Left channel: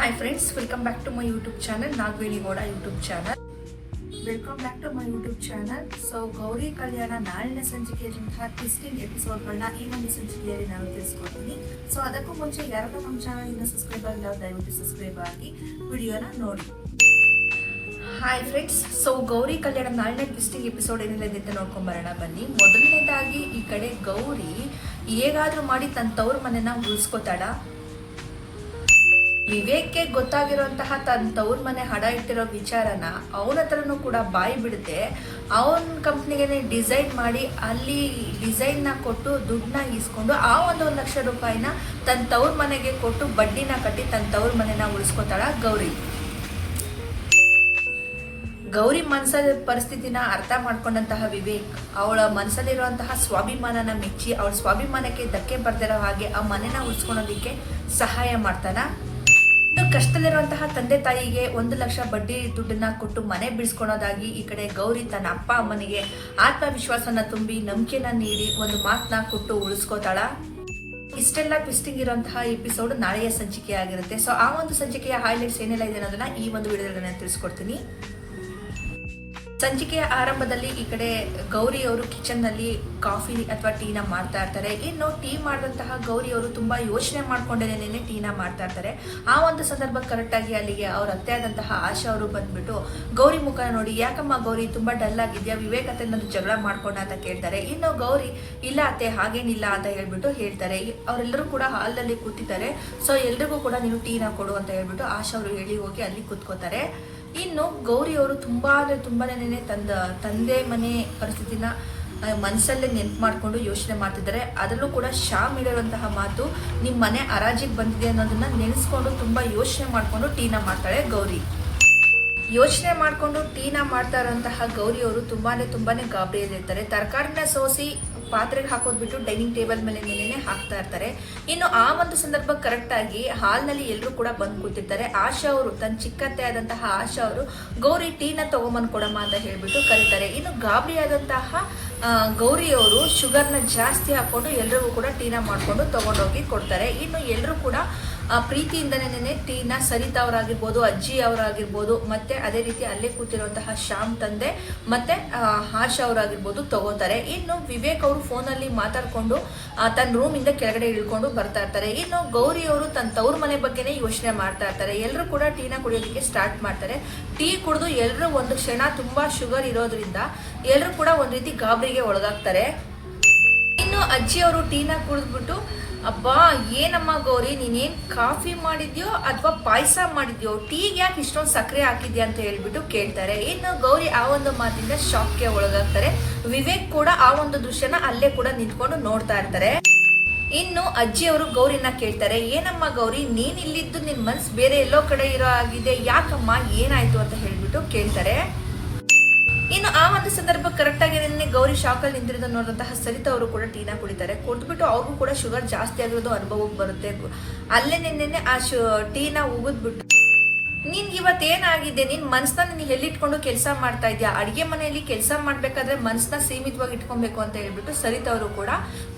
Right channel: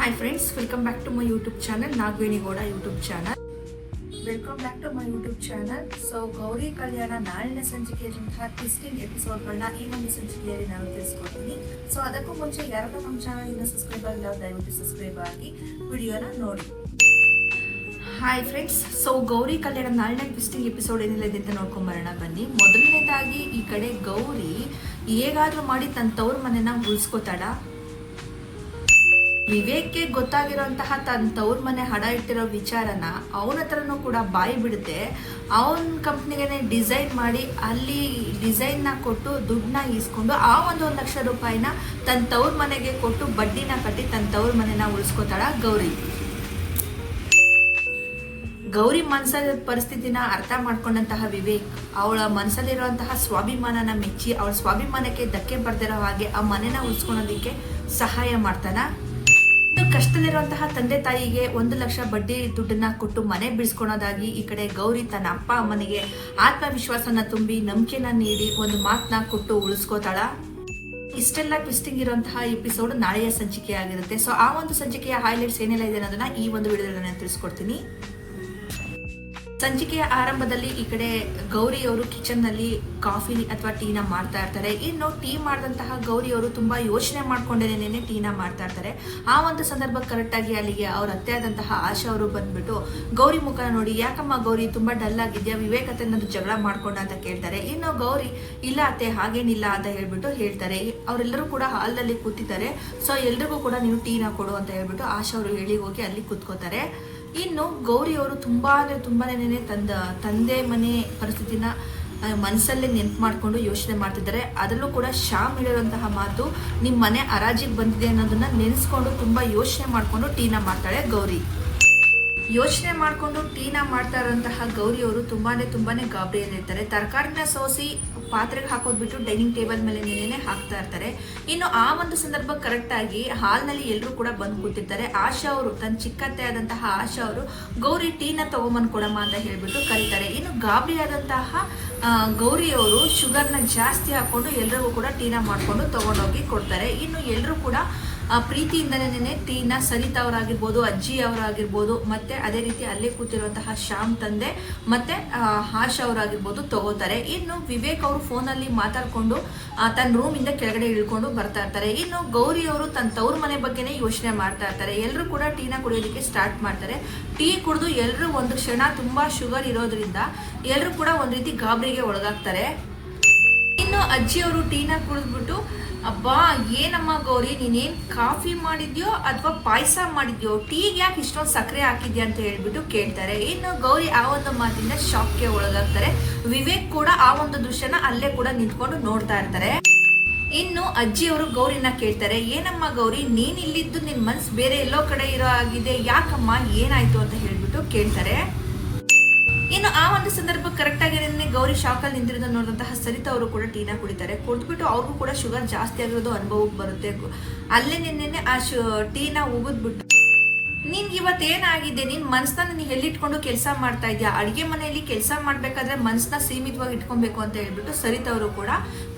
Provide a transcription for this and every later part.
Hi friends, welcome back to my YouTube channel, Nagveni Goda YouTube channel. Welcome back to my YouTube channel. So Gowri Kalyana ನಾಳಿನ ಸಂಚಿಕೆಯಂತಹ twisting ಎಪಿಸೋಡ್ಗಳನ್ನ ಈ ಒಂದು ಸಂಚಿಕೆಯಲ್ಲಿ ನಾನು ತಿಳಿಸ್ಕೊಡ್ತೀನಿ. ಸೊ ಅದಕ್ಕೂ ಮುಂಚೆ ಯಾರಾದ್ರೂ ನಮ್ಮ ಚಾನಲ್ ಇನ್ನು ಸಬ್ಸ್ಕ್ರೈಬ್ ಆಗಿಲ್ಲ ದಯವಿಟ್ಟು ಸಬ್ಸ್ಕ್ರೈಬ್ ಆಗಿ ವಿಡಿಯೋನ ನೋಡಿ. Hi friends, so Gowri Kalyana ನಾಳಿನ ಟ್ವಿಸ್ಟಿಂಗ್ ಎಪಿಸೋಡ್ ಏನಿಲ್ಲ ಅಂತ ನೋಡ್ಕೊಂಬರೋಣ ಬನ್ನಿ. ಮೊದಲನೇದಾಗಿ ಈ ಕಡೆ ಗೌರಿ ಹೇಗಾದ್ರೂ ಮಾಡಿ ತನ್ನ ತವ್ರ ಮನೆನ ಉಳಿಸ್ಕೋತಾಳ. ವಿವೇಕ್ಗೆ ಗೊತ್ತಾಗಿರುವಂತಹ ತನ್ನ ತವ್ರ ಮನೆ ಹಡ ಇಟ್ಟಿರೋ ವಿಚಾರನ ಅವನ ಹತ್ರನೂ ಕೂಡ ಬಾಯಿ ಬಿಡುತ್ತೆ. ಅವನ ಕಂಪ್ನಿಗೆ ಡಿಸೈನ್ ಮಾಡಿ ಅಲ್ಲಿ ಡಿಸೈನ್ನ ಕೊಟ್ಟು ದುಡ್ಡನ್ನ ಈಸ್ಕೊಂಡು ಆ 1 ಲಕ್ಷ ರೂಪಾಯಿನ ತನ್ನ ತವ್ರ ಮನೆಗೆ ಕೊಟ್ಟು ಬಡ್ಡಿನ ಕಟ್ಟಿ ತನ್ನ ತವ್ರ ಮನೆನ ಉಳಿಸ್ಕೋತಾಳ ಗೌರಿ. ಗೌರಿ ಮನಸ್ಸಲ್ಲಿ ಪರಿಸ್ಥಿತಿನ ಅರ್ಥ ಮಾಡ್ಕೊಂಡಂತಹ ವಿವೇಕ್ ಅವಳ ಮನಸ್ಸಲ್ಲಿರುವಂತಹ ಸ್ವಾಭಿಮಾನನ ಮೆಚ್ಚಿ ಅವಳ ಸ್ವಾಭಿಮಾನಕ್ಕೆ ಧಕ್ಕೆ ಬರ್ದಿರೋ ಹಾಗೆ ಆ ಮನೆನ ಉಳಿಸ್ಕೊಳೋದಿಕ್ಕೆ ಸಹಾಯ ಮಾಡ್ತಾನ. ಕಷ್ಟದಲ್ಲಿರುವಂತಹ ತಂದೆ ತಾಯಿಗೆ 1 ಲಕ್ಷ ಬಡ್ಡಿ ದುಡ್ಡನ್ನ ಕೊಟ್ಟು ಮನೆ ಬಿಡಿಸ್ಕೊಳೋದಾಗಿ ಈ ಕಡೆ ಗೌರಿ ತನ್ನ ಅಪ್ಪ ಅಮ್ಮನಿಗೆ ಆತ್ಮವಿಶ್ವಾಸನ ತುಂಬಿ ನಂಬಿಕೆನ ನೀಡಿ ಒಂದು ಮಾತನ್ನ ಕೊಟ್ಟು ಉಳಿಸ್ಕೋತಾಳ. ಇಷ್ಟೆಲ್ಲ ಟ್ವಿಸ್ಟಿಂಗ್ ಇರುವಂತಹ ಎಪಿಸೋಡ್ ನಾಳೆಯ ಸಂಚಿಕೆ ಆಗಿರುತ್ತೆ. ಸೊ ಆ ಒಂದು ಸಂಚಿಕೆಯ ಹೈಲೈಟ್ಸ್ ಏನೆಲ್ಲ ಇದೆ ಅನ್ನೋದನ್ನ ಈ ಒಂದು ವಿಡಿಯೋದಲ್ಲಿ ನಾನು ತಿಳಿಸ್ಕೊಡ್ತೀನಿ. ಸಂಚಿಕೆಯ ಆರಂಭದಲ್ಲಿ ಈ ಕಡೆ ಗೌರಿ ಅವರು ಕಿಚನ್ ನಲ್ಲಿ ಕಾಫಿ ಅಥವಾ ಟೀನ ಮಾಡ್ತಾ ಇರ್ತಾರೆ. ಇನ್ನು ಟೀ ಮಾಡಿದಂತಹ ಗೌರಿ ಅವರು ತುಂಬಾ ಯೋಚನೆ ಮಾಡ್ಕೊಂಡೇನೆ ಟೀನ ಮಾಡ್ತಾ ಇರ್ತಾರೆ. ಆ ಒಂದು ಸಂದರ್ಭ ಕರೆಕ್ಟ್ ಆಗಿ ಅಲ್ಲಿಗೆ ಅವ್ರ ಅತ್ತೆ ಆದಂತಹ ಆಶಾ ಅವರು ಬಂದ್ಬಿಟ್ಟು ಗೌರಿ ಮುಖ ನೋಡಿ, ಯಾಕಮ್ಮ ಗೌರಿ ತುಂಬಾ ಡಲ್ ಆಗಿದ್ಯಾ, ವಿವೇಕ್ ಅತ್ತೆ ನಂದು ಜಗಳ ಮಾಡ್ಕೊಂಡ ಅಂತ ಕೇಳ್ತಾರೆ. ಇನ್ನು ಗೌರಿ ಇಲ್ಲ ಅತ್ತೆ ಹಾಗೇನಿಲ್ಲ ಅಂತ ಹೇಳ್ಬಿಟ್ಟು ಹೇಳ್ತಾರೆ. ಅವರೆಲ್ಲರೂ ಕೂಡ ಹಾಲ್ನಲ್ಲಿ ಕೂತಿದ್ದಾರೆ. ಸೊ ಎಲ್ರಿಗೂ ಕೂಡ ನೀವು ಟೀನ ಕೊಡು ಅಂತ ಹೇಳ್ಬಿಟ್ಟು ಆಶಾ ಅವರು ಹೇಳಿ ಹೋಗಿ ಅಲ್ಲಿ ಕೂತ್ಕೋತಾರೆ. ಇನ್ನು ಗೌರಿ ಅವರು ತುಂಬಾನೇ ತಂದೆ ಮನೆ ಪರಿಸ್ಥಿತಿನ ಮನಸ್ಸಲ್ಲೇ ನೆನ್ಪು ಮಾಡ್ಕೊಂಡು ಯೋಚನೆ ಮಾಡ್ತಿದ್ದಾರೆ. ಅದರಲ್ಲೂ ಕೂಡ ಶ್ಯಾಮ್ ಹೇಳಿರುವಂತಹ ಮಾತು, ನಿಮ್ಮ ಮನೆ ಹರಾಜಿಗೆ ಬಂದಿದೆ ಅನ್ನೋದನ್ನ ನೆನೆಸ್ಕೊಂಡು ತುಂಬಾ ಯೋಚನೆ ಮಾಡ್ಕೊಂಡು ಟೀನ ಮಾಡ್ತಾಳೆ ಗೌರಿ. ಯೋಚನೆ ಮಾಡ್ಕೊಂಡು ಟೀನ ಮಾಡ್ತಾ ಇರುವಂತಹ ಗೌರಿ ಅವರು ತುಂಬಾನೇ ಗಾಬರಿಯಲ್ಲಿರ್ತಾರೆ. ತರಕಾರಿನ ಸೋಸಿ ಪಾತ್ರೆಗೆ ಹಾಕೋದ್ಬಿಟ್ಟು ಡೈನಿಂಗ್ ಟೇಬಲ್ ಮೇಲೆ ಹಾಕ್ತಾ ಇರ್ತಾರೆ. ಇನ್ನು ಆ ಒಂದು ಸಂದರ್ಭ ಕರೆಕ್ಟ್ ಆಗಿ ಹಾಲ್ನಲ್ಲಿ ಎಲ್ಲರೂ ಕೂಡ ಬಂದು ಕೂತಿರ್ತಾರೆ. ಆಶಾ ಅವರು ತನ್ನ ಚಿಕ್ಕತ್ತೆ ಆದಂತಹ ಆಶಾ ಅವರು ಗೌರಿ ಟೀನ ತಗೊಂಬಂದ್ ಕೊಡಮ್ಮ ಅಂತ ಹೇಳ್ಬಿಟ್ಟು ಕರೀತಾರೆ. ಇನ್ನು ಗಾಬರಿ ಆದಂತಹ ಗೌರಿ ಅವರು ಶುಗರ್ನ ಜಾಸ್ತಿ ಹಾಕೊಂಡು ಎಲ್ರಿಗೂ ಕೂಡ ಟೀನ ಮಾಡ್ಕೊಂಡು ತಗೊಂಡೋಗಿ ಕೊಡ್ತಾರೆ. ಇನ್ನು ಎಲ್ಲರೂ ಕೂಡ ಪ್ರೀತಿಯಿಂದನೇ ಟೀನ ಸರಿತಾ ಅವರಾಗಿರ್ಬೋದು, ಅಜ್ಜಿ ಅವರಾಗಿರ್ಬೋದು, ಮತ್ತೆ ಅದೇ ರೀತಿ ಅಲ್ಲೇ ಕೂತಿರುವಂತಹ ಶ್ಯಾಮ್ ತಂದೆ ಮತ್ತೆ ಆಶಾ ಅವರಾಗಿರ್ಬೋದು ತಗೋತಾರೆ. ಇನ್ನು ವಿವೇಕ್ ಅವರು ಫೋನಲ್ಲಿ ಮಾತಾಡ್ಕೊಂಡು ತನ್ನ ರೂಮ್ ಇಂದ ಕೆಳಗಡೆ ಇಳ್ಕೊಂಡು ಬರ್ತಾ ಇರ್ತಾರೆ. ಇನ್ನು ಗೌರಿ ಅವರು ತನ್ನ ತವ್ರ ಮನೆ ಬಗ್ಗೆನೇ ಯೋಚನೆ ಮಾಡ್ತಾ ಇರ್ತಾರೆ. ಎಲ್ಲರೂ ಕೂಡ ಟೀನ ಕುಡಿಯೋದಕ್ಕೆ ಸ್ಟಾರ್ಟ್ ಮಾಡ್ತಾರೆ. ಟೀ ಕುಡಿದು ಎಲ್ಲರೂ ಒಂದು ಕ್ಷಣ ತುಂಬಾ ಶುಗರ್ ಇರೋದ್ರಿಂದ ಎಲ್ಲರೂ ಕೂಡ ಒಂದ್ ರೀತಿ ಗಾಬರಿಗೆ ಒಳಗಾಗ್ತಾರೆ. ಇನ್ನು ಅಜ್ಜಿ ಅವರು ಟೀನ ಕುಡಿದ್ಬಿಟ್ಟು, ಅಬ್ಬಾ ಏನಮ್ಮ ಗೌರಿ ನೀನೇನ್ ಕಾಫಿ ಮಾಡಿದ್ಯೋ ಅಥವಾ ಪಾಯಸ ಮಾಡಿದ್ಯೋ, ಟೀಗೆ ಯಾಕೆ ಇಷ್ಟೊಂದು ಸಕ್ಕರೆ ಹಾಕಿದ್ಯಾ ಅಂತ ಹೇಳ್ಬಿಟ್ಟು ಕೇಳ್ತಾರೆ. ಇನ್ನು ಗೌರಿ ಆ ಒಂದು ಮಾತಿಂದ ಶಾಕ್ಗೆ ಒಳಗಾಗ್ತಾರೆ. ವಿವೇಕ್ ಕೂಡ ಆ ಒಂದು ದೃಶ್ಯನ ಅಲ್ಲೇ ಕೂಡ ನಿಂತ್ಕೊಂಡು ನೋಡ್ತಾ ಇರ್ತಾರೆ. ಇನ್ನು ಅಜ್ಜಿ ಅವರು ಗೌರಿನ ಕೇಳ್ತಾರೆ, ಏನಮ್ಮ ಗೌರಿ ನೀನ್ ಇಲ್ಲಿದ್ದು ನಿನ್ ಮನ್ಸು ಬೇರೆ ಎಲ್ಲೋ ಕಡೆ ಇರೋ ಆಗಿದೆ, ಯಾಕಮ್ಮ ಏನಾಯ್ತು ಅಂತ ಹೇಳ್ಬಿಟ್ಟು ಕೇಳ್ತಾರೆ. ಇನ್ನು ಆ ಒಂದು ಸಂದರ್ಭ ಕರೆಕ್ಟ್ ಆಗಿ ಗೌರಿ ಶಾಕಲ್ಲಿ ನಿಂತಿರೋದನ್ನ ನೋಡಿದಂತಹ ಸರಿತಾ ಅವರು ಕೂಡ ಟೀನ ಕುಡಿತಾರೆ. ಕುಡಿದ್ಬಿಟ್ಟು ಅವ್ರಿಗೂ ಕೂಡ ಶುಗರ್ ಜಾಸ್ತಿ ಆಗಿರೋದು ಅನುಭವಕ್ಕೆ ಬರುತ್ತೆ. ಅಲ್ಲೇ ನಿನ್ನೆ ಆ ಟೀನ ಉಗಿದ್ಬಿಟ್ಟು, ನಿನ್ಗೆ ಇವತ್ತೇನಾಗಿದೆ, ನಿನ್ ಮನ್ಸನ್ನ ನೀನ್ ಎಲ್ಲಿಟ್ಕೊಂಡು ಕೆಲಸ ಮಾಡ್ತಾ ಇದ್ಯಾ, ಅಡಿಗೆ ಮನೆಯಲ್ಲಿ ಕೆಲಸ ಮಾಡ್ಬೇಕಾದ್ರೆ ಮನ್ಸನ್ನ ಸೀಮಿತವಾಗಿ ಇಟ್ಕೊಬೇಕು ಅಂತ ಹೇಳ್ಬಿಟ್ಟು ಸರಿತಾ ಅವರು ಕೂಡ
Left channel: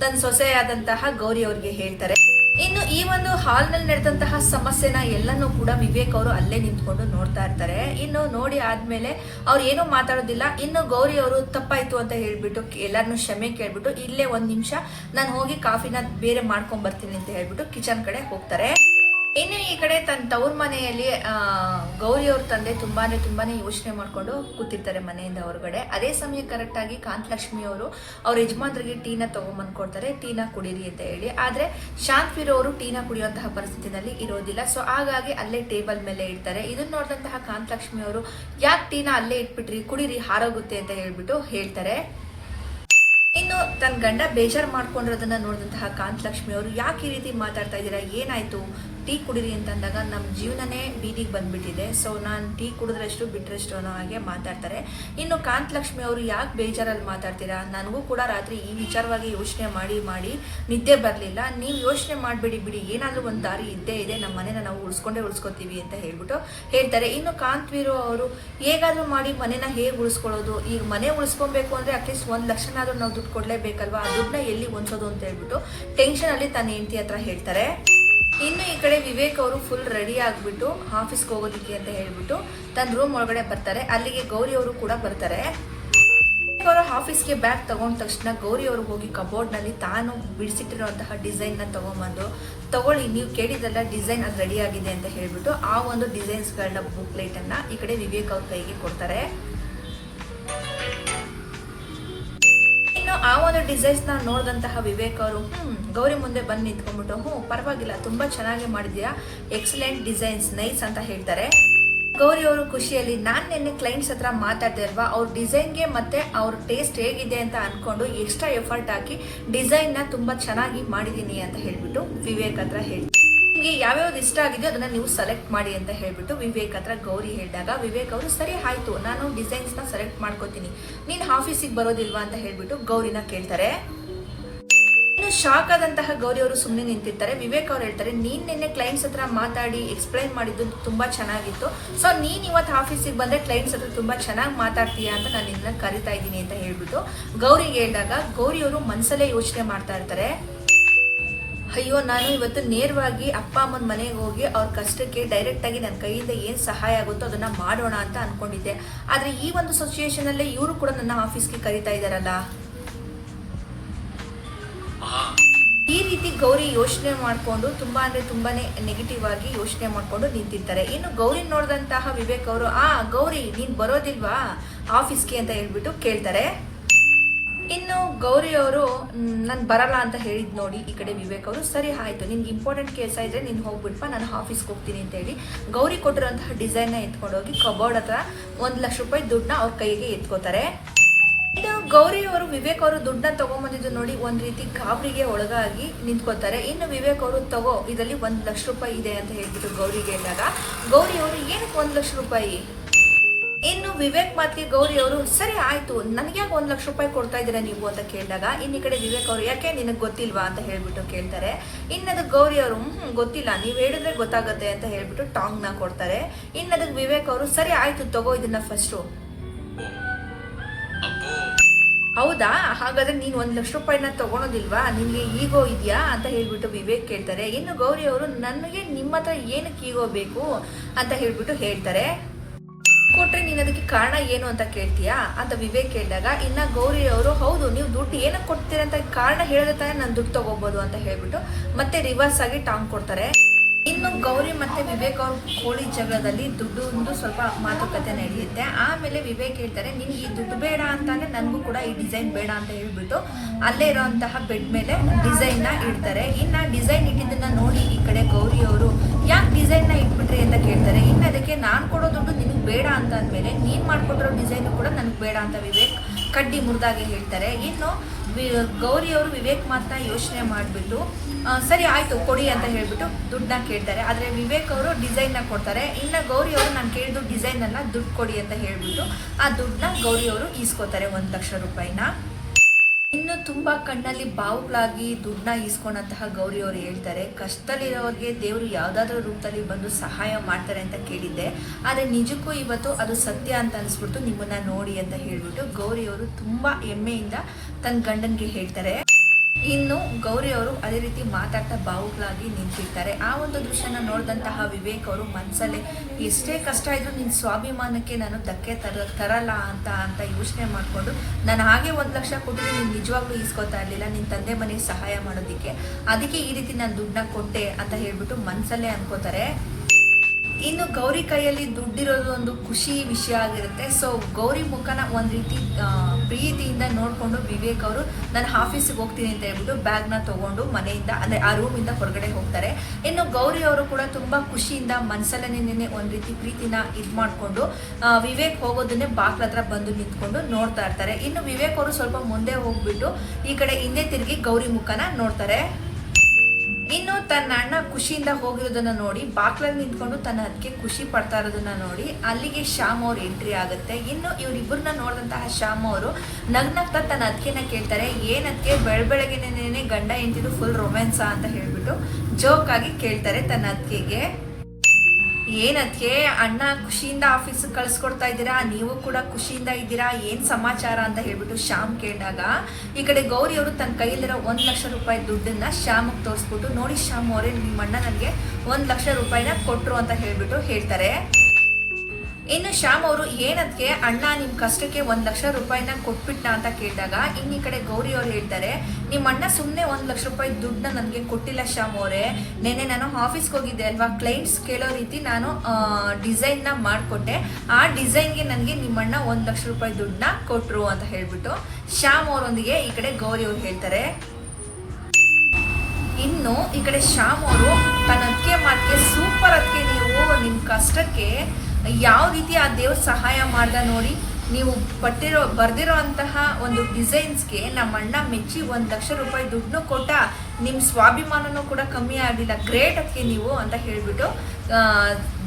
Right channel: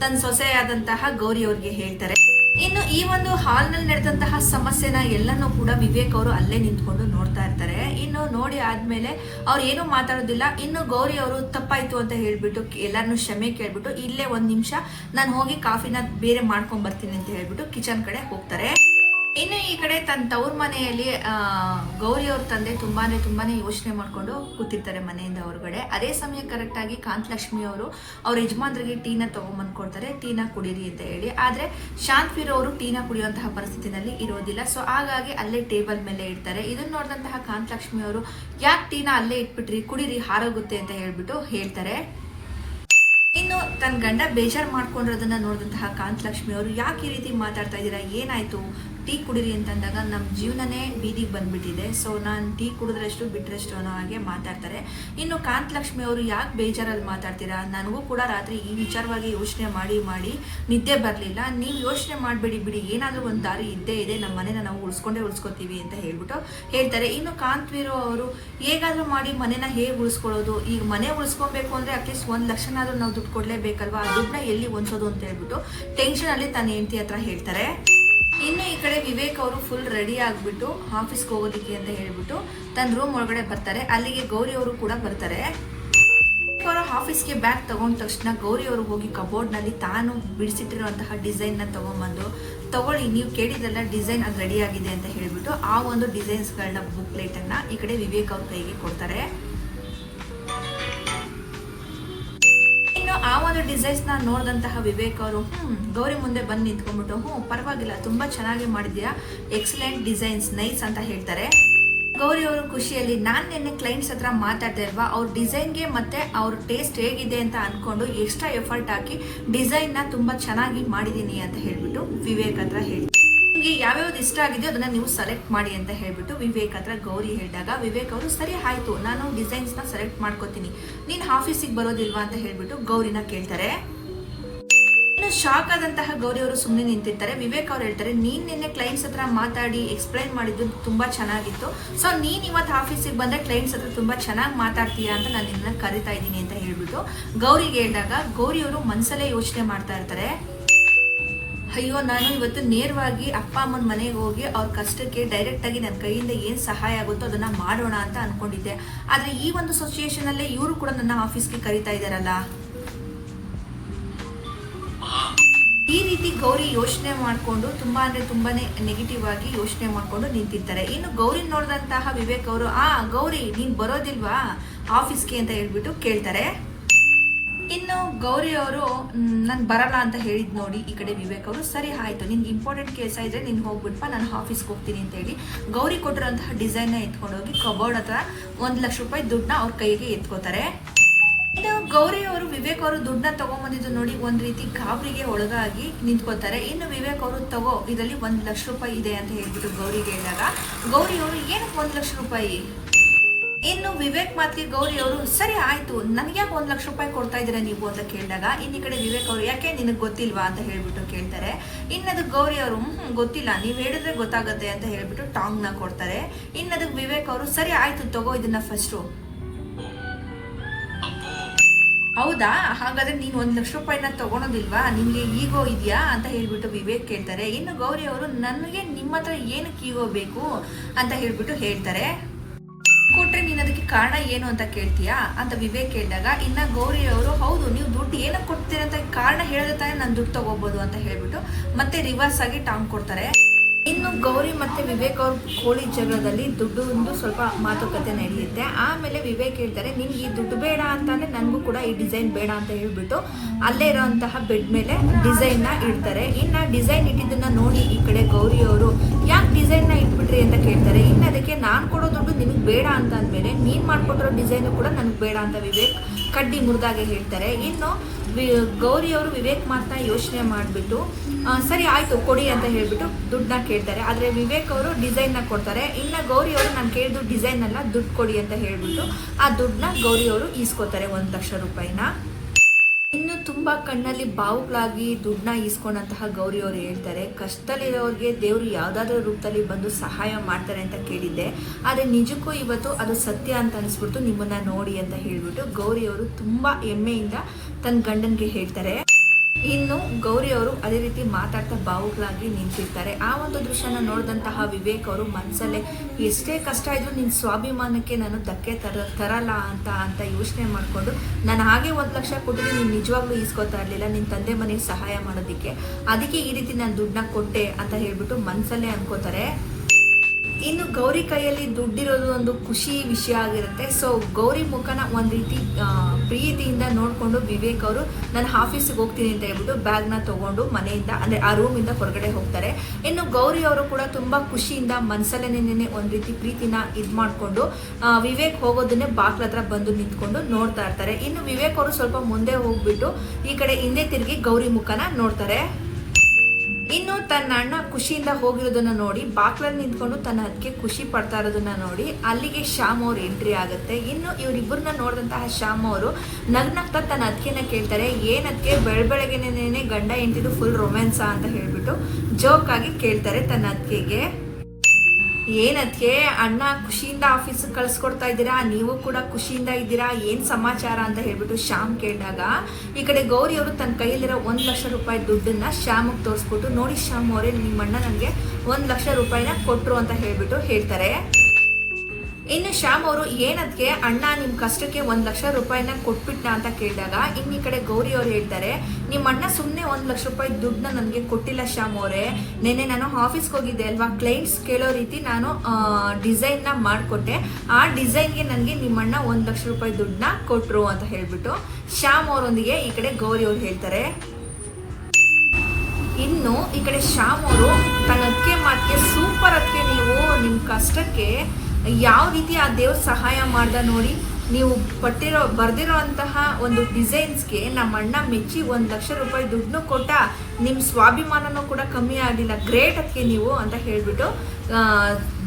ತನ್ನ ಸೊಸೆಯಾದಂತಹ ಗೌರಿ ಅವ್ರಿಗೆ ಹೇಳ್ತಾರೆ. ಇನ್ನು ಈ ಒಂದು ಹಾಲ್ನಲ್ಲಿ ನಡೆದಂತಹ ಸಮಸ್ಯೆನ ಎಲ್ಲನೂ ಕೂಡ ವಿವೇಕ್ ಅವರು ಅಲ್ಲೇ ನಿಂತ್ಕೊಂಡು ನೋಡ್ತಾ ಇರ್ತಾರೆ. ಇನ್ನು ನೋಡಿ ಆದ್ಮೇಲೆ ಅವ್ರು ಏನೂ ಮಾತಾಡೋದಿಲ್ಲ. ಇನ್ನು ಗೌರಿ ಅವರು ತಪ್ಪಾಯ್ತು ಅಂತ ಹೇಳ್ಬಿಟ್ಟು ಎಲ್ಲರನ್ನೂ ಕ್ಷಮೆ ಕೇಳ್ಬಿಟ್ಟು, ಇಲ್ಲೇ 1 ನಿಮಿಷ ನಾನು ಹೋಗಿ ಕಾಫಿನ ಬೇರೆ ಮಾಡ್ಕೊಂಡ್ ಬರ್ತೀನಿ ಅಂತ ಹೇಳ್ಬಿಟ್ಟು ಕಿಚನ್ ಕಡೆ ಹೋಗ್ತಾರೆ. ಇನ್ನು ಈ ಕಡೆ ತನ್ನ ತವ್ರ ಮನೆಯಲ್ಲಿ ಗೌರಿ ಅವ್ರ ತಂದೆ ತುಂಬಾನೇ ಯೋಚನೆ ಮಾಡ್ಕೊಂಡು ಕೂತಿರ್ತಾರೆ ಮನೆಯಿಂದ ಹೊರಗಡೆ. ಅದೇ ಸಮಯ ಕರೆಕ್ಟ್ ಆಗಿ ಕಾಂತಲಕ್ಷ್ಮಿ ಅವರು ಅವ್ರ ಯಜಮಾನ್ರಿಗೆ ಟೀನ ತಗೊಂಬಂದ್ ಕೊಡ್ತಾರೆ, ಟೀನ ಕುಡೀರಿ ಅಂತ ಹೇಳಿ. ಆದ್ರೆ ಶಾಂತವೀರ್ ಅವರು ಟೀನ ಕುಡಿಯುವಂತಹ ಪರಿಸ್ಥಿತಿನಲ್ಲಿ ಇರೋದಿಲ್ಲ. ಸೊ ಹಾಗಾಗಿ ಅಲ್ಲೇ ಟೇಬಲ್ ಮೇಲೆ ಇಡ್ತಾರೆ. ಇದನ್ನ ನೋಡಿದಂತಹ ಕಾಂತಲಕ್ಷ್ಮಿ ಅವರು, ಯಾಕೆ ಟೀನ ಅಲ್ಲೇ ಇಟ್ಬಿಟ್ರಿ, ಕುಡೀರಿ ಹಾರೋಗುತ್ತೆ ಅಂತ ಹೇಳ್ಬಿಟ್ಟು ಹೇಳ್ತಾರೆ. ಇನ್ನು ತನ್ನ ಗಂಡ ಬೇಜಾರು ಮಾಡ್ಕೊಂಡಿರೋದನ್ನ ನೋಡಿದಂತಹ ಕಾಂತಲಕ್ಷ್ಮಿ ಅವರು, ಯಾಕೆ ಈ ರೀತಿ ಮಾತಾಡ್ತಾ ಇದ್ದೀರಾ, ಏನಾಯ್ತು, ಟೀ ಕುಡೀರಿ ಅಂತ ಅಂದಾಗ ನಮ್ಮ ಜೀವನನೇ ಬೀದಿಗೆ ಬಂದ್ಬಿಟ್ಟಿದೆ. ಸೊ ನಾನು ಟೀ ಕುಡಿದ್ರಷ್ಟು ಬಿಟ್ರಷ್ಟು ಅನ್ನೋ ಹಾಗೆ ಮಾತಾಡ್ತಾರೆ. ಇನ್ನು ಕಾಂತಲಕ್ಷ್ಮಿ ಅವರು, ಯಾಕೆ ಬೇಜಾರಲ್ಲಿ ಮಾತಾಡ್ತೀರಾ, ನನಗೂ ಕೂಡ ರಾತ್ರಿ ಈ ವಿಚಾರವಾಗಿ ಯೋಚನೆ ಮಾಡಿ ನಿದ್ದೆ ಬರಲಿಲ್ಲ, ನೀವು ಯೋಚನೆ ಮಾಡಬೇಡಿ ಬಿಡಿ, ಏನಾದರೂ ಒಂದು ದಾರಿ ಇದ್ದೇ ಇದೆ, ನಮ್ಮ ಮನೆನ ನಾವು ಉಳಿಸ್ಕೋತೀವಿ ಅಂತ ಹೇಳ್ಬಿಟ್ಟು ಹೇಳ್ತಾರೆ. ಇನ್ನು ಕಾಂತವೀರು ಅವರು, ಹೇಗಾದ್ರೂ ಮಾಡಿ ಮನೆನ ಹೇಗೆ ಉಳಿಸ್ಕೊಳ್ಳೋದು, ಈಗ ಮನೆ ಉಳಿಸ್ಕೊಬೇಕು ಅಂದ್ರೆ ಅಟ್ಲೀಸ್ಟ್ 1 ಲಕ್ಷನಾದ್ರೂ ನಾವು ದುಡ್ಡು ಕೊಡ್ಲೇಬೇಕಲ್ವಾ, ಆ ದುಡ್ಡನ್ನ ಎಲ್ಲಿ ಹೊಂದೋದು ಅಂತ ಹೇಳ್ಬಿಟ್ಟು ಟೆನ್ಷನ್ ಅಲ್ಲಿ ತನ್ನ ಹೆಂಡತಿ ಹತ್ರ ಹೇಳ್ತಾರೆ. ಇನ್ನು ಈ ಕಡೆ ವಿವೇಕ್ ಅವರು ಫುಲ್ ರೆಡಿ ಆಗಿಬಿಟ್ಟು ಆಫೀಸ್ಗೆ ಹೋಗೋದಿಕ್ಕೆ ಅಂತ ಹೇಳ್ಬಿಟ್ಟು ತನ್ನ ರೂಮ್ ಒಳಗಡೆ ಬರ್ತಾರೆ. ಅಲ್ಲಿಗೆ ಗೌರಿ ಅವರು ಕೂಡ ಬರ್ತಾರೆ. ಅವರ ಆಫೀಸ್ಗೆ ಬ್ಯಾಗ್ ತಗೊಂಡ ತಕ್ಷಣ ಗೌರಿ ಅವರು ಹೋಗಿ ಕಬೋರ್ಡ್ ನಲ್ಲಿ ತಾನು ಬಿಡಿಸಿಟ್ಟಿರುವಂತಹ ಡಿಸೈನ್ ನ ತಗೊಂಡ್ಬಂದು ತಗೊಳ್ಳಿ, ನೀವು ಕೇಳಿದಲ್ಲ ಡಿಸೈನ್ ಅದು ರೆಡಿ ಆಗಿದೆ ಅಂತ ಹೇಳ್ಬಿಟ್ಟು ಆ ಒಂದು ಡಿಸೈನ್ಸ್ ಗಳನ್ನ ಬುಕ್ಲೆಟ್ ಅನ್ನ ಈ ಕಡೆ ವಿವೇಕ್ ಅವ್ರ ಕೈಗೆ ಕೊಡ್ತಾರೆ. ಇನ್ನು ಆ ಒಂದು ಡಿಸೈನ್ಸ್ ನ ನೋಡಿದಂತಹ ವಿವೇಕ್ ಅವರು ಗೌರಿ ಮುಂದೆ ಬಂದು ನಿಂತ್ಕೊಂಡ್ಬಿಟ್ಟು ಪರವಾಗಿಲ್ಲ, ತುಂಬಾ ಚೆನ್ನಾಗಿ ಮಾಡಿದ್ಯಾ, ಎಕ್ಸಲೆಂಟ್ ಡಿಸೈನ್ಸ್, ನೈಸ್ ಅಂತ ಹೇಳ್ತಾರೆ. ಗೌರಿ ಅವರು ಖುಷಿಯಲ್ಲಿ ನಾನು ನಿನ್ನೆ ಕ್ಲೈಂಟ್ಸ್ ಹತ್ರ ಮಾತಾಡ್ತಾ ಇಲ್ವಾ, ಅವ್ರ ಡಿಸೈನ್ಗೆ ಮತ್ತೆ ಅವ್ರ ಟೇಸ್ಟ್ ಹೇಗಿದೆ ಅಂತ ಅನ್ಕೊಂಡು ಎಕ್ಸ್ಟ್ರಾ ಎಫರ್ಟ್ ಹಾಕಿ ಡಿಸೈನ್ ನ ತುಂಬಾ ಚೆನ್ನಾಗಿ ಮಾಡಿದೀನಿ ಅಂತ ಹೇಳ್ಬಿಟ್ಟು ವಿವೇಕ್ ಹತ್ರ ಹೇಳಿ, ನಿಮ್ಗೆ ಯಾವ್ಯಾವ್ದು ಇಷ್ಟ ಆಗಿದೆಯೋ ಅದನ್ನ ನೀವು ಸೆಲೆಕ್ಟ್ ಮಾಡಿ ಅಂತ ಹೇಳ್ಬಿಟ್ಟು ವಿವೇಕ್ ಹತ್ರ ಗೌರಿ ಹೇಳಿದಾಗ ವಿವೇಕ್ ಅವರು ಸರಿ ಆಯ್ತು, ನಾನು ಡಿಸೈನ್ಸ್ ನ ಸೆಲೆಕ್ಟ್ ಮಾಡ್ಕೋತೀನಿ, ನೀನ್ ಆಫೀಸಿಗೆ ಬರೋದಿಲ್ವಾ ಅಂತ ಹೇಳ್ಬಿಟ್ಟು ಗೌರಿನ ಕೇಳ್ತಾರೆ. ಶಾಕ್ ಆದಂತಹ ಗೌರಿ ಅವರು ಸುಮ್ಮನೆ ನಿಂತಿರ್ತಾರೆ. ವಿವೇಕ್ ಅವ್ರು ಹೇಳ್ತಾರೆ, ನೀನ್ ನಿನ್ನೆ ಕ್ಲೈಂಟ್ಸ್ ಹತ್ರ ಮಾತಾಡಿ ಎಕ್ಸ್ಪ್ಲೈನ್ ಮಾಡಿದ್ದು ತುಂಬಾ ಚೆನ್ನಾಗಿತ್ತು, ಸೊ ನೀನ್ ಇವತ್ತು ಆಫೀಸಿಗೆ ಬಂದ್ರೆ ಕ್ಲೈಂಟ್ಸ್ ಹತ್ರ ತುಂಬಾ ಚೆನ್ನಾಗಿ ಮಾತಾಡ್ತೀಯಾ ಅಂತ ನಾನು ನಿನ್ನ ಕರಿತಾ ಇದ್ದೀನಿ ಅಂತ ಹೇಳ್ಬಿಟ್ಟು ಗೌರಿಗೆ ಹೇಳಿದಾಗ ಗೌರಿ ಅವರು ಮನಸ್ಸಲ್ಲೇ ಯೋಚನೆ ಮಾಡ್ತಾ ಇರ್ತಾರೆ, ಅಯ್ಯೋ ನಾನು ಇವತ್ತು ನೇರವಾಗಿ ಅಪ್ಪ ಅಮ್ಮನ ಮನೆಗೆ ಹೋಗಿ ಅವ್ರ ಕಷ್ಟಕ್ಕೆ ಡೈರೆಕ್ಟ್ ಆಗಿ ನನ್ನ ಕೈಯಿಂದ ಏನ್ ಸಹಾಯ ಆಗುತ್ತೋ ಅದನ್ನ ಮಾಡೋಣ ಅಂತ ಅನ್ಕೊಂಡಿದ್ದೆ. ಆದ್ರೆ ಈ ಒಂದು ಸಿಚುಯೇಷನ್ ಅಲ್ಲೇ ಇವರು ಕೂಡ ನನ್ನ ಆಫೀಸ್ಗೆ ಕರಿತಾ ಇದಾರಲ್ಲ. ಈ ರೀತಿ ಗೌರಿ ಯೋಚನೆ ಮಾಡ್ಕೊಂಡು ತುಂಬಾನೇ ನೆಗೆಟಿವ್ ಆಗಿ ಯೋಚನೆ ಮಾಡ್ಕೊಂಡು ನಿಂತಿರ್ತಾರೆ. ಇನ್ನು ಗೌರಿ ನೋಡಿದಂತಹ ವಿವೇಕ್ ಅವರು ಗೌರಿ ನೀನ್ ಬರೋದಿಲ್ವಾ ಆಫೀಸ್ಗೆ ಅಂತ ಹೇಳ್ಬಿಟ್ಟು ಕೇಳ್ತಾರೆ. ಇನ್ನು ಗೌರಿ ಅವರು ನಾನು ಬರಲ್ಲ ಅಂತ ಹೇಳಿದ್ ನೋಡಿ ಈ ಕಡೆ ವಿವೇಕ್ ಅವರು ಸರಿ ಆಯ್ತು, ನಿನ್ಗೆ ಇಂಪಾರ್ಟೆಂಟ್ ಕೆಲಸ ಇದ್ರೆ ನೀನ್ ಹೋಗ್ಬಿಟ್ಪ, ನಾನು ಆಫೀಸ್ಗೆ ಹೋಗ್ತೀನಿ ಅಂತ ಹೇಳಿ ಗೌರಿ ಕೊಟ್ಟಿರುವಂತಹ ಡಿಸೈನ್ ನ ಎತ್ಕೊಂಡೋಗಿ ಕಬೋರ್ಡ್ ಹತ್ರ 1 ಲಕ್ಷ ರೂಪಾಯಿ ದುಡ್ಡನ್ನ ಅವ್ರ ಕೈಗೆ ಎತ್ಕೋತಾರೆ. ಇನ್ನು ಗೌರಿ ಅವರು ವಿವೇಕ್ ಅವರು ದುಡ್ಡನ್ನ ತಗೊಂಡ್ಬಂದಿದ್ದು ನೋಡಿ ಒಂದ್ ರೀತಿ ಗಾಬರಿಗೆ ಒಳಗಾಗಿ ನಿಂತ್ಕೋತಾರೆ. ಇನ್ನು ವಿವೇಕ್ ಅವರು ತಗೋ, ಇದರಲ್ಲಿ 1 ಲಕ್ಷ ರೂಪಾಯಿ ಇದೆ ಅಂತ ಹೇಳ್ಬಿಟ್ಟು ಗೌರಿಗೆ ಹೇಳಿದಾಗ ಗೌರಿ ಅವರು ಏನಕ್ಕೆ 1 ಲಕ್ಷ ರೂಪಾಯಿ? ಇನ್ನು ವಿವೇಕ್ ಮಾತಿಗೆ ಗೌರಿ ಅವರು ಸರಿ ಆಯ್ತು, ನನ್ಗ್ಯಾಕೆ 1 ಲಕ್ಷ ರೂಪಾಯಿ ಕೊಡ್ತಾ ಇದ್ದೀರಾ ನೀವು ಅಂತ ಕೇಳಿದಾಗ ಇನ್ನು ಈ ಕಡೆ ವಿವೇಕ್ ಅವರು ಯಾಕೆ ನಿನಗೆ ಗೊತ್ತಿಲ್ವಾ ಅಂತ ಹೇಳ್ಬಿಟ್ಟು ಕೇಳ್ತಾರೆ. ಇನ್ನದು ಗೌರಿ ಅವರು ಗೊತ್ತಿಲ್ಲ, ನೀವ್ ಹೇಳಿದ್ರೆ ಗೊತ್ತಾಗತ್ತೆ ಅಂತ ಹೇಳ್ಬಿಟ್ಟು ಟಾಂಗ್ ನ ಕೊಡ್ತಾರೆ. ಇನ್ನದಕ್ಕೆ ವಿವೇಕ್ ಅವರು ಸರಿ ಆಯ್ತು ತಗೋ ಇದನ್ನ ಫಸ್ಟ್. ಹೌದಾ, ಹಾಗಾದ್ರೆ ನೀನ್ 1 ಲಕ್ಷ ರೂಪಾಯಿನ ತಗೊಳೋದಿಲ್ವಾ, ನಿಮ್ಗೆ ಈಗೋ ಇದೆಯಾ ಅಂತ ಹೇಳ್ಬಿಟ್ಟು ವಿವೇಕ್ ಕೇಳ್ತಾರೆ. ಇನ್ನು ಗೌರಿ ಅವರು ನನಗೆ ನಿಮ್ಮ ಹತ್ರ ಏನಕ್ಕೆ ಈಗೋ ಬೇಕು ಅಂತ ಹೇಳ್ಬಿಟ್ಟು ಹೇಳ್ತಾರೆ. ಕೊಟ್ರೆ ನೀನ್ ಅದಕ್ಕೆ ಕಾರಣ ಏನು ಅಂತ ಕೇಳ್ತೀಯಾ ಅಂತ ವಿವೇಕ್ ಕೇಳಿದಾಗ ಇನ್ನ ಗೌರಿ ಅವರು ಹೌದು, ನೀವು ದುಡ್ಡು ಏನಕ್ಕೆ ಕೊಡ್ತೀರ ಅಂತ ಕಾರಣ ಹೇಳಿದ್ರೆ ತಾನೇ ನಾನು ದುಡ್ಡು ತಗೋಬಹುದು ಅಂತ ಹೇಳ್ಬಿಟ್ಟು ಮತ್ತೆ ರಿವರ್ಸ್ ಆಗಿ ಟಾಂಗ್ ಕೊಡ್ತಾರೆ. ಇನ್ನು ಗೌರಿ ಮತ್ತೆ ವಿವೇಕ್ ಅವ್ರ ಕೋಳಿ ಜಗಳದಲ್ಲಿ ದುಡ್ಡು ಒಂದು ಸ್ವಲ್ಪ ಮಾತುಕತೆ ನಡೆಯುತ್ತೆ. ಆಮೇಲೆ ವಿವೇಕ್ ಹೇಳ್ತಾರೆ, ನಿನ್ಗೆ ಈ ದುಡ್ಡು ಬೇಡ ಅಂತಾನೆ ನನ್ಗೂ ಕೂಡ ಈ ಡಿಸೈನ್ ಬೇಡ ಅಂತ ಹೇಳ್ಬಿಟ್ಟು ಅಲ್ಲೇ ಇರೋಂತಹ ಬೆಡ್ ಮೇಲೆ ಡಿಸೈನ್ ನ ಇಡ್ತಾರೆ. ಇನ್ನ ಡಿಸೈನ್ ಇಟ್ಟಿದ್ದನ್ನ ನೋಡಿ ಈ ಕಡೆ ಗೌರಿ ಅವರು ಯಾಕೆ ಡಿಸೈನ್ ನ ಇಟ್ಬಿಟ್ರಿ ಅಂತ ಕೇಳ್ತಾರೆ. ಇನ್ನು ಅದಕ್ಕೆ ನಾನ್ ಕೊಡೋ ದುಡ್ಡು ನಿನಗೆ ಬೇಡ ಅಂತ ಅಂದ್ಮೇಲೆ ನೀನ್ ಮಾಡ್ಕೊಟ್ಟಿರೋ ಡಿಸೈನ್ ಕೂಡ ನನಗೆ ಬೇಡ ಅಂತ ವಿವೇಕ್ ಕಡ್ಡಿ ಮುರಿದಾಗೆ ಹೇಳ್ತಾರೆ. ಇನ್ನು ಗೌರಿ ಅವರು ವಿವೇಕ್ ಮಾತನ್ನ ಯೋಚನೆ ಮಾಡ್ಬಿಟ್ಟು ಸರಿ ಆಯ್ತು ಕೊಡಿ ಅಂತ ಹೇಳ್ಬಿಟ್ಟು ದುಡ್ಡನ್ನ ಕೇಳ್ತಾರೆ. ಆದ್ರೆ ವಿವೇಕ್ ಅವರು ಡಿಸೈನ್ ನ ಕೊಡ್ತಾರೆ. ಇನ್ನ ಗೌರಿ ಅವರು ನಾನು ಕೇಳಿದ್ದು ಡಿಸೈನ್ ಅನ್ನ ದುಡ್ಡು ಕೊಡಿ ಅಂತ ಹೇಳ್ಬಿಟ್ಟು ಆ ದುಡ್ಡನ್ನ ಗೌರಿ ಅವರು ಈಸ್ಕೋತಾರೆ 1 ಲಕ್ಷ ರೂಪಾಯಿನ. ಇನ್ನು ತುಂಬಾ ಕಣ್ಣಲ್ಲಿ ಬಾವುಗಳಾಗಿ ದುಡ್ಡನ್ನ ಈಸ್ಕೊಂಡಂತಹ ಗೌರಿ ಅವರು ಹೇಳ್ತಾರೆ, ಕಷ್ಟದಲ್ಲಿರೋರಿಗೆ ದೇವರು ಯಾವ್ದಾದ್ರು ರೂಪದಲ್ಲಿ ಬಂದು ಸಹಾಯ ಮಾಡ್ತಾರೆ ಅಂತ ಕೇಳಿದ್ದೆ, ಆದ್ರೆ ನಿಜಕ್ಕೂ ಇವತ್ತು ಅದು ಸತ್ಯ ಅಂತ ಅನ್ಸ್ಬಿಟ್ಟು ನಿಮ್ಮನ್ನ ನೋಡಿ ಅಂತ ಹೇಳ್ಬಿಟ್ಟು ಗೌರಿ ಅವರು ತುಂಬಾ ಹೆಮ್ಮೆಯಿಂದ ತನ್ನ ಗಂಡನ್ಗೆ ಹೇಳ್ತಾರೆ. ಇನ್ನು ಗೌರಿ ಅವರು ಅದೇ ರೀತಿ ಮಾತಾಡ್ತಾ ಭಾವುಗಳಾಗಿ ನಿಂತಿರ್ತಾರೆ. ಆ ಒಂದು ದೃಶ್ಯನ ನೋಡಿದಂತಹ ವಿವೇಕ್ ಅವರು ಮನಸ್ಸಲ್ಲೇ ಎಷ್ಟೇ ಕಷ್ಟ ಇದ್ರು ನಿನ್ನ ಸ್ವಾಭಿಮಾನಕ್ಕೆ ನಾನು ಧಕ್ಕೆ ತರಲ್ಲ ಅಂತ ಯೋಚನೆ ಮಾಡಿಕೊಂಡು ನಾನು ಹಾಗೆ 1 ಲಕ್ಷ ಕೊಟ್ಟಿದ್ದು ನೀನು ನಿಜವಾಗ್ಲೂ ಈಸ್ಕೊತಾ ಇರಲಿಲ್ಲ ನಿನ್ನ ತಂದೆ ಮನೆಗೆ ಸಹಾಯ ಮಾಡೋದಕ್ಕೆ, ಅದಕ್ಕೆ ಈ ರೀತಿ ನಾನು ದುಡ್ಡನ್ನ ಕೊಟ್ಟೆ ಅಂತ ಹೇಳ್ಬಿಟ್ಟು ಮನಸ್ಸಲ್ಲೇ ಅನ್ಕೋತಾರೆ. ಇನ್ನು ಗೌರಿ ಕೈಯಲ್ಲಿ ದುಡ್ಡಿರೋದು ಒಂದು ಖುಷಿ ವಿಷಯ ಆಗಿರುತ್ತೆ. ಸೊ ಗೌರಿ ಮುಖನ ಒಂದ್ ರೀತಿ ಪ್ರೀತಿಯಿಂದ ನೋಡ್ಕೊಂಡು ವಿವೇಕ್ ಅವರು ನಾನು ಆಫೀಸಿಗೆ ಹೋಗ್ತೀನಿ ಅಂತ ಹೇಳ್ಬಿಟ್ಟು ಬ್ಯಾಗ್ನ ತಗೊಂಡು ಮನೆಯಿಂದ ಅಂದ್ರೆ ಆ ರೂಮಿಂದ ಹೊರಗಡೆ ಹೋಗ್ತಾರೆ. ಇನ್ನು ಗೌರಿ ಅವರು ಕೂಡ ತುಂಬಾ ಖುಷಿಯಿಂದ ಮನ್ಸಲ್ಲೇ ಒಂದ್ ರೀತಿ ಪ್ರೀತಿನ ಇದ್ ಮಾಡ್ಕೊಂಡು ವಿವೇಕ್ ಹೋಗೋದನ್ನೇ ಬಾಗ್ಲ ಹತ್ರ ಬಂದು ನಿಂತ್ಕೊಂಡು ನೋಡ್ತಾ ಇರ್ತಾರೆ. ಇನ್ನು ವಿವೇಕ್ ಅವರು ಸ್ವಲ್ಪ ಮುಂದೆ ಹೋಗ್ಬಿಟ್ಟು ಈ ಕಡೆ ಹಿಂದೆ ತಿರುಗಿ ಗೌರಿ ಮುಖನ ನೋಡ್ತಾರೆ. ಇನ್ನು ತನ್ನ ಅಣ್ಣ ಖುಷಿಯಿಂದ ಹೋಗಿರೋದನ್ನ ನೋಡಿ ಬಾಕ್ಲಲ್ಲಿ ನಿಂತ್ಕೊಂಡು ತನ್ನ ಅದಕ್ಕೆ ಖುಷಿ ಪಡ್ತಾ ಇರೋದನ್ನ ನೋಡಿ ಅಲ್ಲಿಗೆ ಶ್ಯಾಮ್ ಅವ್ರ ಎಂಟ್ರಿ ಆಗುತ್ತೆ. ಇನ್ನು ಇವರಿಬ್ಬರನ್ನ ನೋಡಿದಂತಹ ಶ್ಯಾಮ್ ಅವರು ನಗ್ನಗ್ತಾ ತನ್ನ ಅದಕ್ಕೆನ ಕೇಳ್ತಾರೆ, ಏನದಕ್ಕೆ ಬೆಳಬೆಳಗ್ಗೆನೆ ಗಂಡ ಹೆಂಡತಿದು ಫುಲ್ ರೊಮ್ಯಾನ್ಸಾ ಅಂತ ಹೇಳ್ಬಿಟ್ಟು ಜೋಕ್ ಆಗಿ ಕೇಳ್ತಾರೆ ತನ್ನ ಅದಕ್ಕೆಗೆ. ಏನಕ್ಕೆ ಅಣ್ಣ ಖುಷಿಯಿಂದ ಆಫೀಸ್ ಕಳ್ಸ್ಕೊಡ್ತಾ ಇದ್ದೀರಾ, ನೀವು ಕೂಡ ಖುಷಿಯಿಂದ ಇದ್ದೀರಾ, ಏನ್ ಸಮಾಚಾರ ಅಂತ ಹೇಳ್ಬಿಟ್ಟು ಶ್ಯಾಮ್ ಕೇಳಿದಾಗ ಈ ಕಡೆ ಗೌರಿ ಅವರು ತನ್ನ ಕೈಯಲ್ಲಿರೋ 1 ಲಕ್ಷ ರೂಪಾಯಿ ದುಡ್ಡನ್ನ ಶ್ಯಾಮ್ಗೆ ತೋರಿಸ್ಬಿಟ್ಟು, ನೋಡಿ ಶ್ಯಾಮ್ ಅವರೇ ನಿಮ್ಮ ಅಣ್ಣ ನನಗೆ 1 ಲಕ್ಷ ರೂಪಾಯಿನ ಕೊಟ್ರು ಅಂತ ಹೇಳ್ಬಿಟ್ಟು ಹೇಳ್ತಾರೆ. ಇನ್ನು ಶ್ಯಾಮ್ ಅವರು ಏನಕ್ಕೆ ಅಣ್ಣ ನಿಮ್ ಕಷ್ಟಕ್ಕೆ 1 ಲಕ್ಷ ರೂಪಾಯಿನ ಕೊಟ್ಬಿಟ್ಟ ಅಂತ ಕೇಳಿದಾಗ ಇನ್ನು ಈ ಕಡೆ ಗೌರಿ ಅವ್ರು ಹೇಳ್ತಾರೆ, ನಿಮ್ಮ ಅಣ್ಣ ಸುಮ್ಮನೆ 1 ಲಕ್ಷ ರೂಪಾಯಿ ದುಡ್ಡನ್ನ ನನಗೆ ಕೊಟ್ಟಿಲ್ಲ ಶ್ಯಾಮ್ ಅವರೇ, ನೆನ್ನೆ ನಾನು ಆಫೀಸ್ಗೆ ಹೋಗಿದ್ದೆ ಅಲ್ವಾ, ಕ್ಲೈಂಟ್ಸ್ ಕೇಳೋ ರೀತಿ ನಾನು ಡಿಸೈನ್ ನ ಮಾಡ್ಕೊಟ್ಟೆ, ಆ ಡಿಸೈನ್ಗೆ ನನಗೆ ನಿಮ್ಮಣ್ಣ 1 ಲಕ್ಷ ರೂಪಾಯಿ ದುಡ್ಡನ್ನ ಕೊಟ್ರು ಅಂತ ಹೇಳ್ಬಿಟ್ಟು ಶ್ಯಾಮ್ ಅವರೊಂದಿಗೆ ಈ ಕಡೆ ಗೌರಿ ಅವ್ರು ಹೇಳ್ತಾರೆ. ಇನ್ನು ಈ ಕಡೆ ಶ್ಯಾಮ್ ಅವರು ತನ್ನ ಅದಕ್ಕೆ ಮಾತಿಗೆ ಸೂಪರ್ ಅದಕ್ಕೆ ನೀವು ನಿಮ್ ಕಷ್ಟಕ್ಕೆ ಯಾವ ರೀತಿ ಆ ದೇವ್ರ ಸಹಾಯ ಮಾಡ್ದ ನೋಡಿ, ನೀವು ಬರ್ದಿರೋ ಅಂತಹ ಒಂದು ಡಿಸೈನ್ಸ್ಗೆ ನಮ್ಮ ಅಣ್ಣ ಮೆಚ್ಚಿ 1 ಲಕ್ಷ ರೂಪಾಯಿ ದುಡ್ಡು ಕೊಟ್ಟ, ನಿಮ್ ಸ್ವಾಭಿಮಾನನೂ ಕೂಡ ಕಮ್ಮಿ ಆಗಿಲ್ಲ, ಗ್ರೇಟ್ ಅದಕ್ಕೆ ನೀವು ಅಂತ ಹೇಳ್ಬಿಟ್ಟು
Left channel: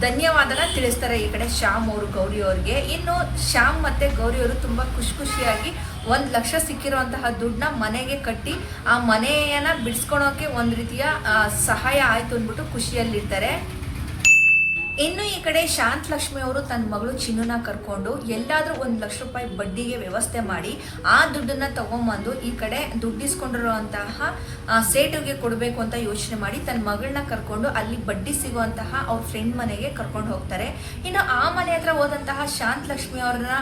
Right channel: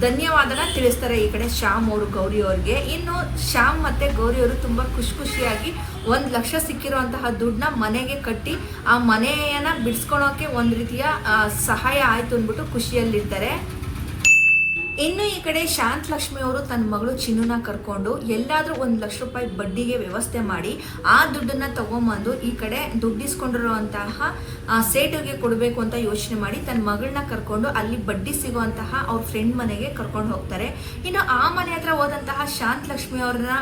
ಧನ್ಯವಾದನ ತಿಳಿಸ್ತಾರೆ ಈ ಕಡೆ ಶ್ಯಾಮ್ ಅವರು ಗೌರಿ ಅವ್ರಿಗೆ. ಇನ್ನು ಶ್ಯಾಮ್ ಮತ್ತೆ ಗೌರಿ ಅವರು ತುಂಬಾ ಖುಷಿಯಾಗಿ 1 ಲಕ್ಷ ಸಿಕ್ಕಿರುವಂತಹ ದುಡ್ಡನ್ನ ಮನೆಗೆ ಕಟ್ಟಿ ಆ ಮನೆಯನ್ನ ಬಿಡಿಸ್ಕೊಳೋಕೆ ಒಂದ್ ರೀತಿಯ ಸಹಾಯ ಆಯ್ತು ಅಂದ್ಬಿಟ್ಟು ಖುಷಿಯಲ್ಲಿರ್ತಾರೆ. ಇನ್ನು ಈ ಕಡೆ ಶಾಂತ ಲಕ್ಷ್ಮಿ ಅವರು ತನ್ನ ಮಗಳು ಚಿನ್ನುನ ಕರ್ಕೊಂಡು ಎಲ್ಲಾದ್ರೂ 1 ಲಕ್ಷ ರೂಪಾಯಿ ಬಡ್ಡಿಗೆ ವ್ಯವಸ್ಥೆ ಮಾಡಿ ಆ ದುಡ್ಡನ್ನ ತಗೊಂಡ್ಬಂದು ಈ ಕಡೆ ದುಡ್ಡಿಸ್ಕೊಂಡಿರುವಂತಹ ಸೇಟುಗೆ ಕೊಡಬೇಕು ಅಂತ ಯೋಚನೆ ಮಾಡಿ ತನ್ನ ಮಗಳನ್ನ ಕರ್ಕೊಂಡು ಅಲ್ಲಿ ಬಡ್ಡಿ ಸಿಗುವಂತಹ ಅವ್ರ ಫ್ರೆಂಡ್ ಮನೆಗೆ ಕರ್ಕೊಂಡು ಹೋಗ್ತಾರೆ. ಇನ್ನು ಆ ಮನೆ ಹತ್ರ ಹೋದಂತಹ ಶಾಂತ ಲಕ್ಷ್ಮಿ ಅವ್ರನ್ನ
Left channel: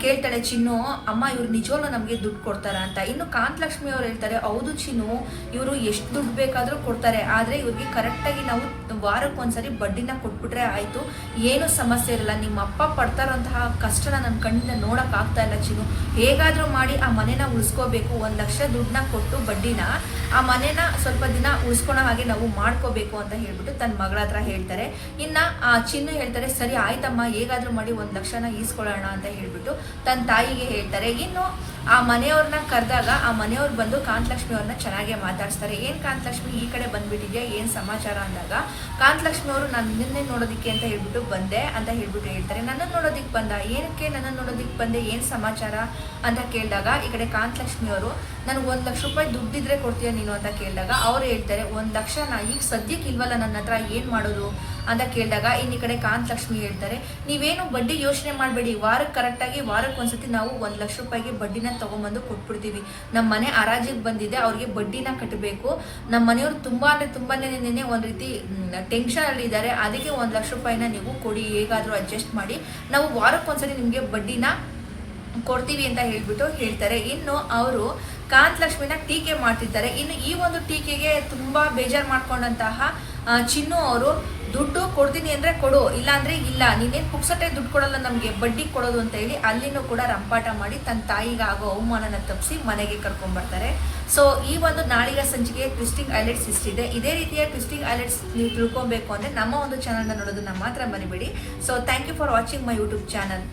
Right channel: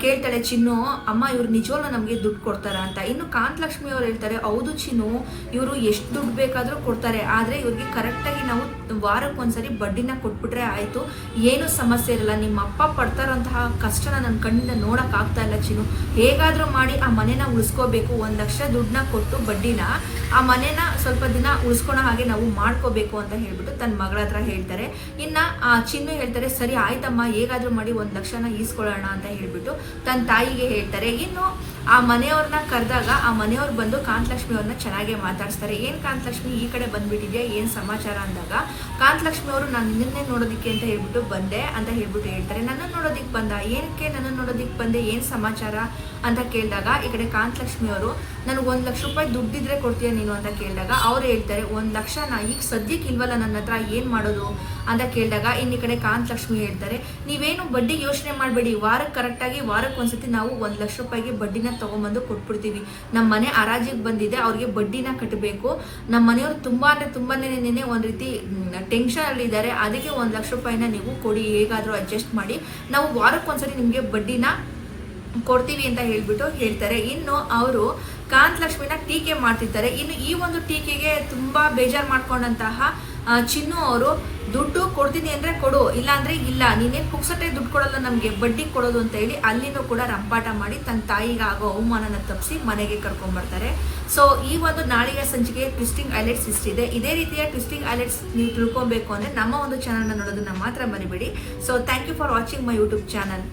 ಕೇಳ್ತಾಳೆ ಚಿನ್ನು, ಅಮ್ಮ ಇವ್ರು ನಿಜವಲ್ಲ ನಮ್ಗೆ ದುಡ್ಡು ಕೊಡ್ತಾರ ಅಂತ. ಇನ್ನು ಕಾಂತಲಕ್ಷ್ಮಿ ಅವ್ರು ಹೇಳ್ತಾರೆ, ಹೌದು ಚಿನ್ನು ಇವರು ಎಷ್ಟು ದುಡ್ಡು ಬೇಕಾದ್ರೂ ಕೊಡ್ತಾರೆ, ಆದ್ರೆ ಇವ್ರಿಗೆ ಕರೆಕ್ಟ್ ಆಗಿ ನಾವು ವಾರಕ್ಕೊಂದ್ಸರಿ ಬಡ್ಡಿನ ಕೊಟ್ಬಿಟ್ರೆ ಆಯ್ತು, ಏನು ಸಮಸ್ಯೆ ಇರಲ್ಲ. ನಿಮ್ಮ ಅಪ್ಪ ಪಡ್ತಾರಂತಹ ಕಷ್ಟನ ನನ್ನ ಕಣ್ಣಿಂದ ನೋಡಕ್ ಆಗ್ತಾ ಇಲ್ಲ ಚಿನ್ನು, ಹೇಗಾದ್ರೂ ಮಾಡಿ ಆ ಮನೆನ ಉಳಿಸ್ಕೋಬೇಕು, 1 ಲಕ್ಷ ದುಡ್ಡನ್ನ ಕೊಟ್ಟು ಬಡ್ಡಿನ ಆ ಮನೆನ ಸ್ವಲ್ಪ ದಿನ ಉಳಿಸ್ಕೊಳೋ ಹಾಗೆ ನಾವು ಮಾಡ್ಕೋಬೇಕು ಅಂತ ಹೇಳ್ಬಿಟ್ಟು ತನ್ನ ಮಗಳ ಹತ್ರ ಹೇಳ್ತಾರೆ. ಇನ್ನ ಆ ಚಿನ್ನು ಹೇಳ್ತಾರೆ, ಸರಿ ಆಯ್ತಮ್ಮ ಹೇಗಾದ್ರೂ ಮಾಡಿ 1 ಲಕ್ಷನ ಈಸ್ಕೊಳ್ಳೋಣ ಅಂತ ಹೇಳ್ಬಿಟ್ಟು ತನ್ನ ತಾಯಿಗೆ ಹೇಳ್ತಾರೆ. ಇನ್ನು ಆ ಮನೆಯವ್ರನ್ನ ಕರೆದಾಗ ಆ ಮನೆಯವ್ರು ಬಂದು ಕಾಂತಲಕ್ಷ್ಮಿ ಅವ್ರನ್ನ ಚೆನ್ನಾಗೆ ಮಾತಾಡ್ಸ್ತಾರೆ. ಏನ್ ಕಾಂತಲಕ್ಷ್ಮಿ ಈ ಕಡೆ ಬಂದ್ಬಿಟ್ಟಿದ್ಯಾ, ಏನ್ ಸಮಾಚಾರ ಅಂದಾಗ ಕಾಂತಲಕ್ಷ್ಮಿ ಅವರು ನಾನು ನಿನ್ನೆ ನೋಡೋದಿಕ್ಕೆ ಅಂತ ಹೇಳ್ಬಿಟ್ಟು ಬಂದೆ ಅಂತ ಹೇಳ್ಬಿಟ್ಟು ಹೇಳ್ತಾರೆ. ನನ್ನ ನೋಡೋದಿಕ್ ಬಂದ, ಏನಕ್ಕೆ ನನ್ನ ನೋಡೋದಿಕ್ ಬಂದೆ, ಏನ್ ಸಮಾಚಾರ ಅಂತ ಕೇಳಿದಾಗ ಈ ಕಡೆ ಕಾಂತಲಕ್ಷ್ಮಿ ಅವರು ನನಗೆ 1 ಲಕ್ಷ ರೂಪಾಯಿ ದುಡ್ಡಿದ್ರೆ ಕೊಡ್ತೀಯ ನೀನು ಅಂತ ಕೇಳಿದಾಗ ಅವ್ರು ಹೇಳ್ತಾರೆ, 1 ಲಕ್ಷನ ಈಗ ಸದ್ಯಕ್ಕೆ ಇಲ್ವಲ್ಲ ನನ್ನ ಹತ್ರ, ಏನ್ ಮಾಡೋದು ಅಂತ ಕೇಳಿದಾಗ ಇನ್ನು ಈ ಕಡೆ ಕಾಂತಲಕ್ಷ್ಮಿ ಹೇಳ್ತಾರೆ, ನೀವೇನು ಬಡ್ಡಿ ಯೋಚನೆ ಮಾಡಬೇಡಿ, ವಾರಕ್ಕೆ ಕರೆಕ್ಟಾಗಿ ವಾರಕ್ಕೊಂದ್ಸತಿ ನಾವು 1 ಲಕ್ಷ ರೂಪಾಯಿಗೆ ಬಡ್ಡಿನ ತಗೊಂಡ್ಬಂದು ಕೊಟ್ಬಿಡ್ತೀವಿ. ನಮ್ಮ ಮನೆ ಹರಾಜಿಗೆ ಬಂದಿದೆ, ಅವ್ರಿಗೆ ಬಡ್ಡಿನ ಕಟ್ಟಬೇಕು, ನಮ್ಮ ಮನೆಯವರು ತುಂಬಾನೇ ಒಂದ್ ರೀತಿ ಟೆನ್ಷನ್ ಅಲ್ಲಿ ಇದ್ದಾರೆ, ಅದಕ್ಕೆ 1 ಲಕ್ಷ ರೂಪಾಯಿನ ನೀವು ಕೊಡಿ, ಹೇಗಾದ್ರೂ ಅಡ್ಜಸ್ಟ್ ಮಾಡಿ, ನಾವು ವಾರಕ್ಕೊಂದ್ಸರಿ ನಿಮ್ಗೆ ಬಡ್ಡಿನ ಕೊಡ್ತೀವಿ ಅಂತ ಹೇಳ್ಬಿಟ್ಟು ಹೇಳ್ತಾರೆ. ಇನ್ನು ಅವರು ಕಾಂತಲಕ್ಷ್ಮಿನ ಟೀಕೆ ಮಾಡ್ತಿದ್ದಾರೆ. ಇನ್ನು ಈ ಒಂದು ಟೀಕೆಗೆ ತುಂಬಾ ಬೇಜಾರು ಮಾಡ್ಕೊಂಡಂತಹ ಚಿನ್ನು ಅವರು, ದುಡ್ಡು ಕೊಡ್ತೀನಿ ಅಂದ್ರೆ ಕೊಡು, ಇಲ್ಲ ಅಂದ್ರೆ ಇಲ್ಲ, ನೀನೇನ್ ಪುಕ್ಸಟ್ಟೆ ದುಡ್ಡು ಕೊಡಲ್ಲ ನಮ್ಗೆ, ಬಡ್ಡಿ ಕೊಡೋದು ಅಂತ ಹೇಳಿ ಅಲ್ಲಿನೂ ಕೂಡ ರಂಪಾಟ ಮಾಡಿ ತನ್ನ ತಾಯಿಗೆ ಆಗೋ ಅವಮಾನನ ತಪ್ಪಿಸಿ ಮನೆಗೆ ಕರ್ಕೊಂಡ್ ಬರ್ತಾರೆ. ಸೊ ಈ ಒಂದು ನಾಳಿನ ಸಂಚಿಕೆ ಟ್ವಿಸ್ಟಿಂಗ್ ಹೈಲೈಟ್ಸ್ ಇಷ್ಟಿದೆ. ಇದೇ ರೀತಿಯ ಟ್ವಿಸ್ಟಿಂಗ್ ಹೈಲೈಟ್ಸ್ ನೀವು ತಿಳ್ಕೊಬೇಕು ಅಂದ್ರೆ ನಮ್ಮ ಒಂದು ಚಾನಲ್ನ ನೋಡೋದನ್ನ ಮಾತ್ರ ಮರಿಬೇಡಿ. So thank you for watching my YouTube channel.